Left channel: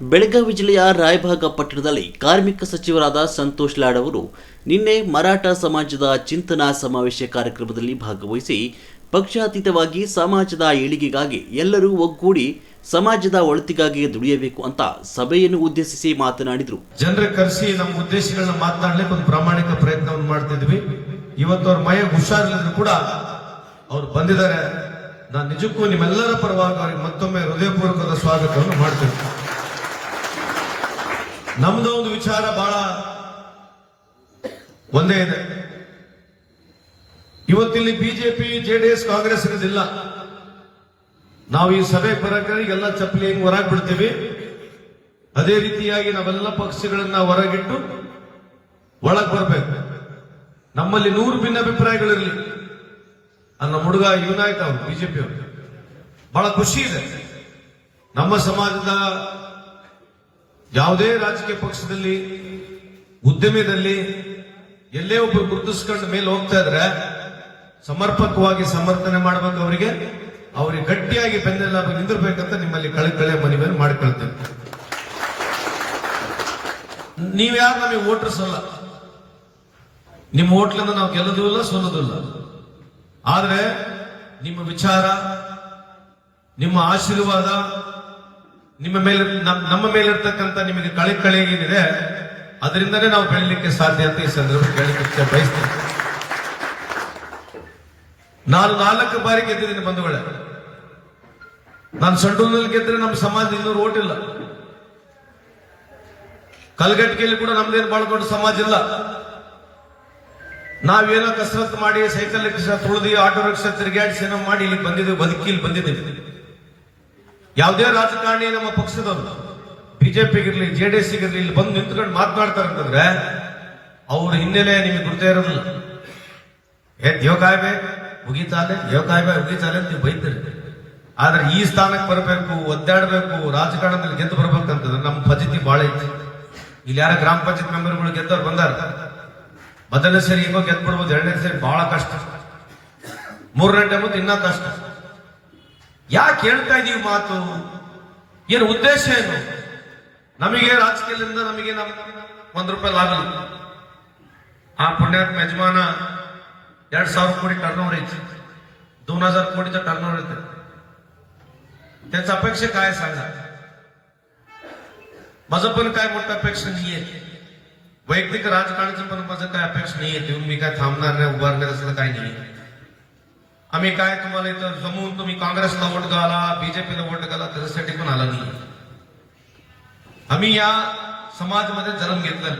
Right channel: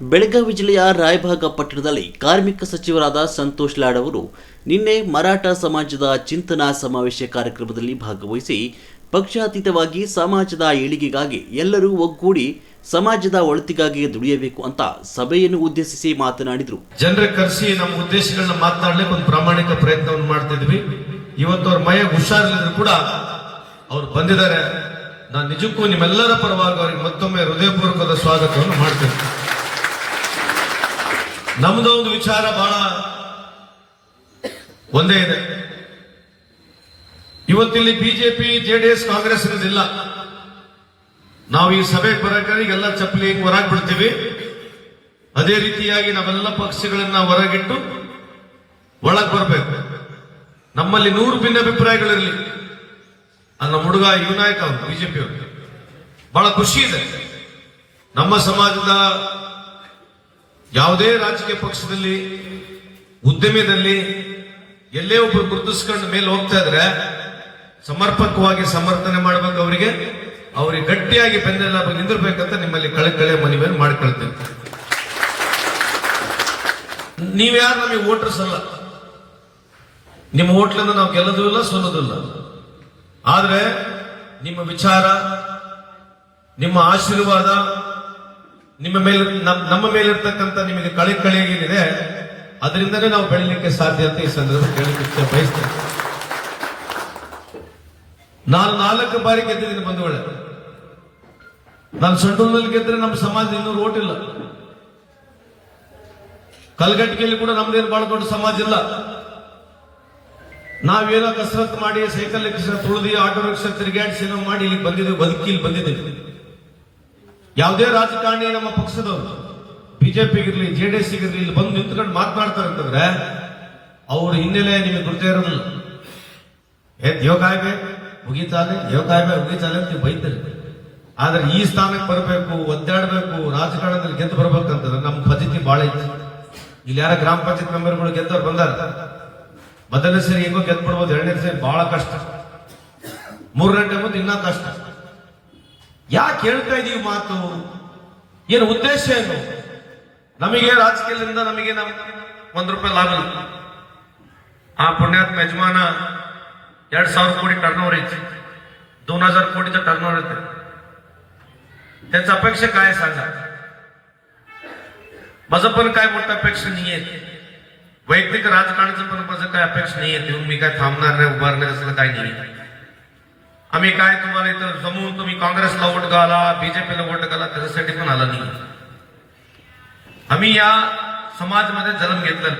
ಬೆಳಗಾವಿ ಜಿಲ್ಲೆಯ ರಾಯಭಾಗ ಪಟ್ಟಣದಲ್ಲಿ ಕಾರ್ಮಿಕ ಸಚಿವರಾದ ಸಂತೋಷ್ ಲಾಡ್ ಅವರು ನಿನ್ನೆ ಮರಾಠ ಸಮಾಜದ ಚಿಂತನಾ ಸಮಾವೇಶ ಕಾರ್ಯಕ್ರಮದಲ್ಲಿ ಭಾಗವಹಿಸಿ ಪಕ್ಷಾತೀತವಾಗಿ ಸಮಾಜದ ಏಳಿಗೆಗಾಗಿ ಎಲ್ಲರೂ ಒಗ್ಗೂಡಿ ಸಮಾಜದ ಒಳಿತಿಗಾಗಿ ದುಡಿಯಬೇಕು ಅಂತ ಸಭೆಯನ್ನು ಉದ್ದೇಶಿಸಿ ಮಾತನಾಡಿದರು. ಜನರ ಕರೆಸಿ ನಮ್ಮ ಉದ್ದೇಶಗಳನ್ನ ಮಾತನಾಡಲಿಕ್ಕೆ ಒಂದು ಪ್ರಾಮಾಣಿಕ ಪ್ರಯತ್ನವನ್ನು ಮಾಡ್ತಿದ್ವಿ. ಇವತ್ತು ಅವ್ರ ಮೈ ಹುಷಾರಿಲ್ಲದ್ರು ಕೂಡ ಅವ್ರು ಬಂದಿದ್ದಾರೆ. ನಾನು ನಿಜಕ್ಕೂ ನಿಮ್ಮೆಲ್ಲರ ಪರವಾಗಿ ಅವರಿಗೆ ಮತ್ತೊಮ್ಮೆ ಹೃದಯಪೂರ್ವಕದ ಸ್ವಾಗತವನ್ನು ಮಾಡ್ತೀನಿ. ನಮ್ದು ಒಂದು ವಿಚಾರ ಬಹಳ ಒಂದೇ ಇದೆ. ಇವತ್ತಿಲ್ಲಿ ಬಿಜೆಪಿ ಜೆಡಿಎಸ್ ಕಾಂಗ್ರೆಸ್ ಇರೋದಿಲ್ಲ. ನಾವು ಈ ಸಭೆಗೆ ಬರೋಕೆಲ್ಲ ಚಪ್ಪಲಿ ಹೊರಗೆ ಬಿಡ್ತೀವಿ. ಅದೇ ರೀತಿಯಾಗಿ ನಾವೆಲ್ಲ ಪಕ್ಷಗಳನ್ನ ಹೊರಗಿಟ್ಟು ಒಳಗೆ ಬರಬೇಕು. ನಮ್ಮಲ್ಲಿ 100 ಭಿನ್ನಾಭಿಪ್ರಾಯಗಳಿರಲಿ. ನಮ್ಮ ಹುಡುಗ ಯುನಾಯಕ ಅವರು ಬಿಜೆಪಿ ಅವರು ಬಹಳ ಖುಷಿ ಇದೆ. ನಮ್ಮ ಸಮಾಜದ ಯಾವುದೇ ರಾಜಕೀಯ ಪಕ್ಷದಲ್ಲಿ ಉದ್ಯಮದಲ್ಲಿ ಎಲ್ಲೇ ಒಬ್ಬರು ಗುರುತಿಸ್ಕೊಂಡ ಮೇಲೆ ಹೋಗ್ತಾ ಇದ್ರೆ ಸಮರ್ಪಕವಾಗಿ ಸಮರ್ಥನೆ ಮಾಡಬೇಕು. ಅವರಿಗೆ ಗಟ್ಟಿಯಾಗಿ ಬೆನ್ನೆಲ್ಲ ನಿಂದಿರ್ಬೇಕಂತ ನಿಮ್ಮಲ್ಲಿ ಕಳೆ ಮನವಿಯನ್ನು ಮಾಡ್ಕೊಳ್ತೇವೆ. ನೀವ್ಯಾರು ನಮಗೆ ವೋಟರ್ಸ್ ಅಲ್ಲ. ನಿಮ್ಮ ಹೋಟ್ಲಿಂದ ನಾವು ಗೆಲ್ಲೋದು ಇಲ್ಲ, ಸೋಲೋದು ಇಲ್ಲ. ಆದ್ರೆ ನಿಮ್ಮ ವಿಚಾರ, ನಿಮ್ಮ ಆಶೀರ್ವಾದ, ನಮ್ಮ ಮೇಲಿರ್ತಕ್ಕಂಥ ನಿಮಗೆ ಕಳೆ ಏನಿದೆ ಅದರಿಂದನೇ ನಾವು ಬೆಳೀಲಿಕ್ಕೆ ಸಾಧ್ಯ ಅಂತ ಈ ಸಂದರ್ಭ ಹೇಳಲಿಕ್ಕೆ ಬಯಸ್ತೇನೆ. ನಾನು 4 ಬಾರಿ ಗೆದ್ದಿದ್ದೀನಿ ಬಂಧುಗಳೇ. ನಾನು ಸಂಡೂರಿನಲ್ಲಿ ಗೆದ್ದರೆ ನಮ್ಮ ಸಮಾಜ 200 ಓಟ್ ಇಲ್ಲ. ಕಲ್ಗಟ್ಟಿಗೆಯಲ್ಲಿ ಕೂಡ ನಮ್ದೇನು ಬಹಳ ದೊಡ್ಡ ಸಮಾಜ ಇಲ್ಲ. ನಾವೇನೋ ಕಸರತ್ತು ಮಾಡಿ ಸೈಕಲ್ ರಿಕ್ಷಾ ತುಳಿದು ಆಟೋ ರಿಕ್ಷಾ ತಿರುಗಾಡಿಸಿ ಏನೋ ಮಾಡಿ ಇಲ್ಲಿ ಬಂದಿದ್ದೀವಿ, ಬದುಕಿಲ್ಲಿ ಬಂದಿದ್ದೀವಿ. ಯಾವುದೇ ರಾಜಕಾರಣಿ ನಮ್ಮ ಪಕ್ಷದವರು ಬಿಜೆಪಿಗಿರ್ಲಿ ಜೆಡಿಎಸ್ ಗಿರ್ಲಿ ಇಲ್ಲಿ ಬಂದು ನಿಂತ್ಕೊಂಡು ಮಾತನಾಡ್ತಾರೆ ಅಂತಂದ್ರೆ ಅವ್ರ ಹಿನ್ನೆಲೆ ನಿಮಗೆ ಗುರ್ತಾ ಇರೋದಿಲ್ಲ. ಯೋಗಾಯ್ಬೆ ಮುಗಿತಾನೆ ನೀವು ಬೈತಾರೆ. ಆದ್ರೆ ಈ ಸ್ಥಾನಕ್ಕೆ ಬರಬೇಕು, ಒದ್ದಾಡಬೇಕು, ರಾಜಕಾರಣದಲ್ಲಿ ಗೆದ್ದು ಬರ್ಬೇಕಂತಂದ್ರೆ ನಮ್ಮ ಪದ್ಧತಿ ಬಹಳ ಇತ್ತು. ಇಲ್ಲಿ ಯಾರ ಗ್ರಾಮ ಪಂಚಾಯತ್ ಮೆಂಬರ್ಗಳು ಗೆದ್ದವ್ರು ಬಂದಾರ. ಮೊದಲನೇ ಸರಿ ಹೇಗೋ ಗೆದ್ದು ಬಿಡ್ಬೋದು, 2ನೇ ಸರಿ ಬಹಳ ಕಷ್ಟ, 3ನೇ ಟೈಮ್ ಇನ್ನ ಕಷ್ಟ. ಯಾಕೆ ಹೇಳ್ತಾ ಇದೀವಿ ಮಾತು? ಏನು ಉದ್ದೇಶ ಏನು? ನಮಗೆ ರಾಜಕೀಯದಿಂದ ನಮಗೆ ₹1 ಲಾಭ ಇಲ್ಲ. ಆ ಪುಣ್ಯಾತ್ಮ ಯಜಮಾನ 2,000 कोटी टर्नओव्हर येते, 2,000 कोटीचं टर्नओव्हर येते. त्याचा अपेक्षा काय सांगा? माझं पण काय मोठं अपेक्षा नाहीये. वैयक्तिक राजकारणाचं पण माझं काय अपेक्षा नाहीये. येऊन मी काय थांबणार नाही, उभारणार असलं काय नाही. आम्ही काय तुम्हाला इथं जमून तुम्ही काँग्रेसला वोट घाला, बीजेपीला वोट घाला त्याच्यासाठी पण आला नाही. आम्ही या समाजमध्ये जन्म घेतला.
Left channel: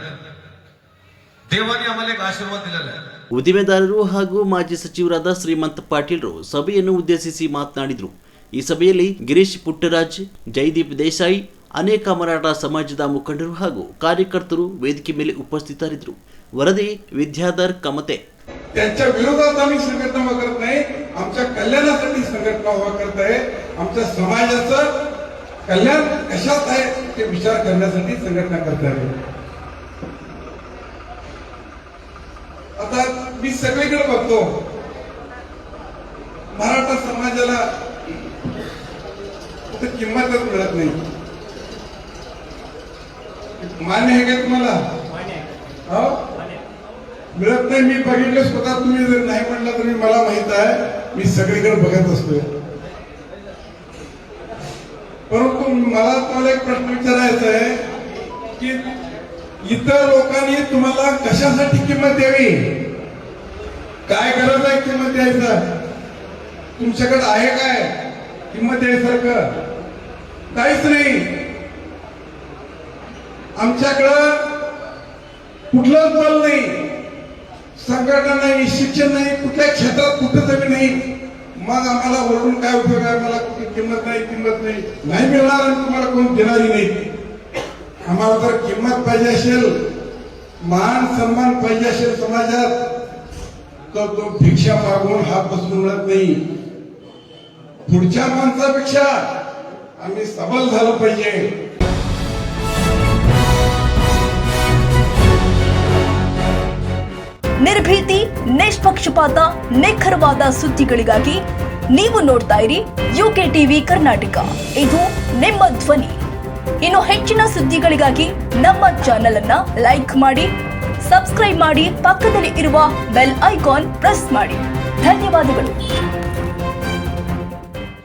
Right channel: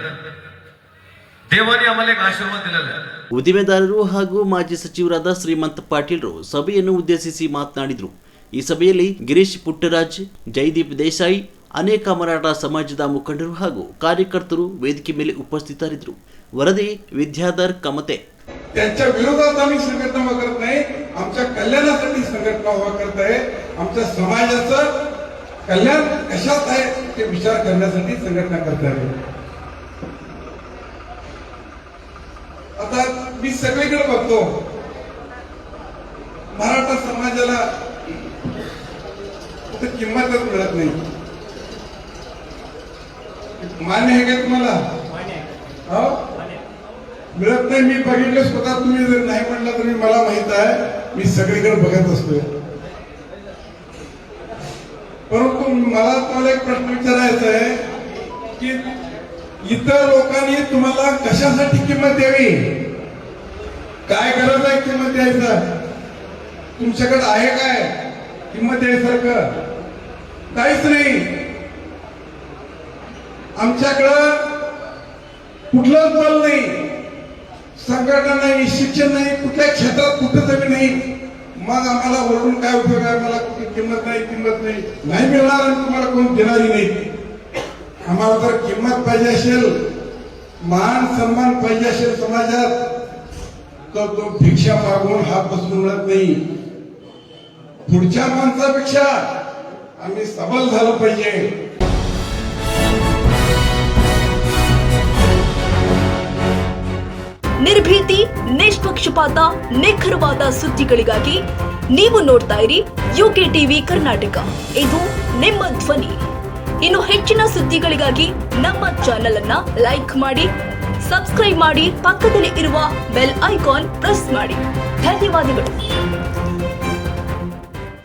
ದೇವನೇ ಆಮೇಲೆ ಆಶೀರ್ವಾದ ದಿಲ್ಲ. ಉದ್ದಿಮೆದಾರರು ಹಾಗೂ ಮಾಜಿ ಸಚಿವರಾದ ಶ್ರೀಮಂತ ಪಾಟೀಲ್ರು ಸಭೆಯನ್ನು ಉದ್ದೇಶಿಸಿ ಮಾತನಾಡಿದರು. ಈ ಸಭೆಯಲ್ಲಿ ಗಿರೀಶ್ ಪುಟ್ಟರಾಜ್, ಜೈದೀಪ್ ದೇಸಾಯಿ, ಅನೇಕ ಮರಾಠ ಸಮಾಜದ ಮುಖಂಡರು ಹಾಗೂ ಕಾರ್ಯಕರ್ತರು ವೇದಿಕೆ ಮೇಲೆ ಉಪಸ್ಥಿತರಿದ್ದರು. ವರದಿ ವಿದ್ಯಾಧರ್ कमते. त्यांच्या विरोधात आम्ही संघटना उभा करत नाही, आमच्या कल्याणासाठी संघटना उभा करत आहे. आमच्या समाजाचं कल्याण कशात आहे ते विचार करण्यासाठी संघटना करत आहे. आता मी सगळीकडे बघतो मराठा समाजाला कुठे किंमतच मिळत नाही. मान्य आहे का तुम्हाला? मिळत नाही. मी बघितलं स्वतः. तुम्ही जर नाही म्हणलं तरी मला माहित आहे, मी सगळीकडे बघत असतोय. परंतु मला तुम्हाला एक प्रश्न विचारायचा आहे की इतर लोकांनी तुम्हाला कशासाठी किंमत द्यावी? काय गरज आहे किंमत द्यायचं? तुमच्याकडे आहे काय किंमत द्यायसारखं? काहीच नाही. आमच्याकडं कुठलंच बल नाही, संघटना नाही, शिक्षण नाही, कुठल्या क्षेत्रात कुठं जमीन नाही. मग आम्हाला ओरडून काय उपयोग आहे? मला कुठे किंमत नाही मिळणार आणि तुम्हाला कोण देणारी नाही. आम्हाला जर किंमत पाहिजे असेल, मान सन्मान पाहिजे असेल समाजात, तर तो भिक्षा मागून हात बसून मिळत नाही. पुढच्या माणसापेक्षा आम्ही सबल झालं पाहिजे. ನಿರ್ಭೀತಿ, ನಿಷ್ಪಕ್ಷಪಾತ, ನಿಖರವಾದ ಸುದ್ದಿಗಳಿಗಾಗಿ ನೀವು ನೋಡ್ತಾ ಇರಿ UK ಟಿವಿ ಕರ್ನಾಟಕ. ಇದು ನಿಮ್ಮ ಧ್ವನಿ. ಇನ್ನು ಹೆಚ್ಚಿನ ಸುದ್ದಿಗಳಿಗಾಗಿ ನಮ್ಮ ಚಾನೆಲ್ ಅನ್ನ ಲೈಕ್ ಮಾಡಿ, ಸಬ್ಸ್ಕ್ರೈಬ್ ಮಾಡಿ, ಪಕ್ಕದಲ್ಲಿ ಇರುವ ಬೆಲ್ ಐಕಾನ್ ಪ್ರೆಸ್ ಮಾಡಿ. ಧನ್ಯವಾದಗಳು.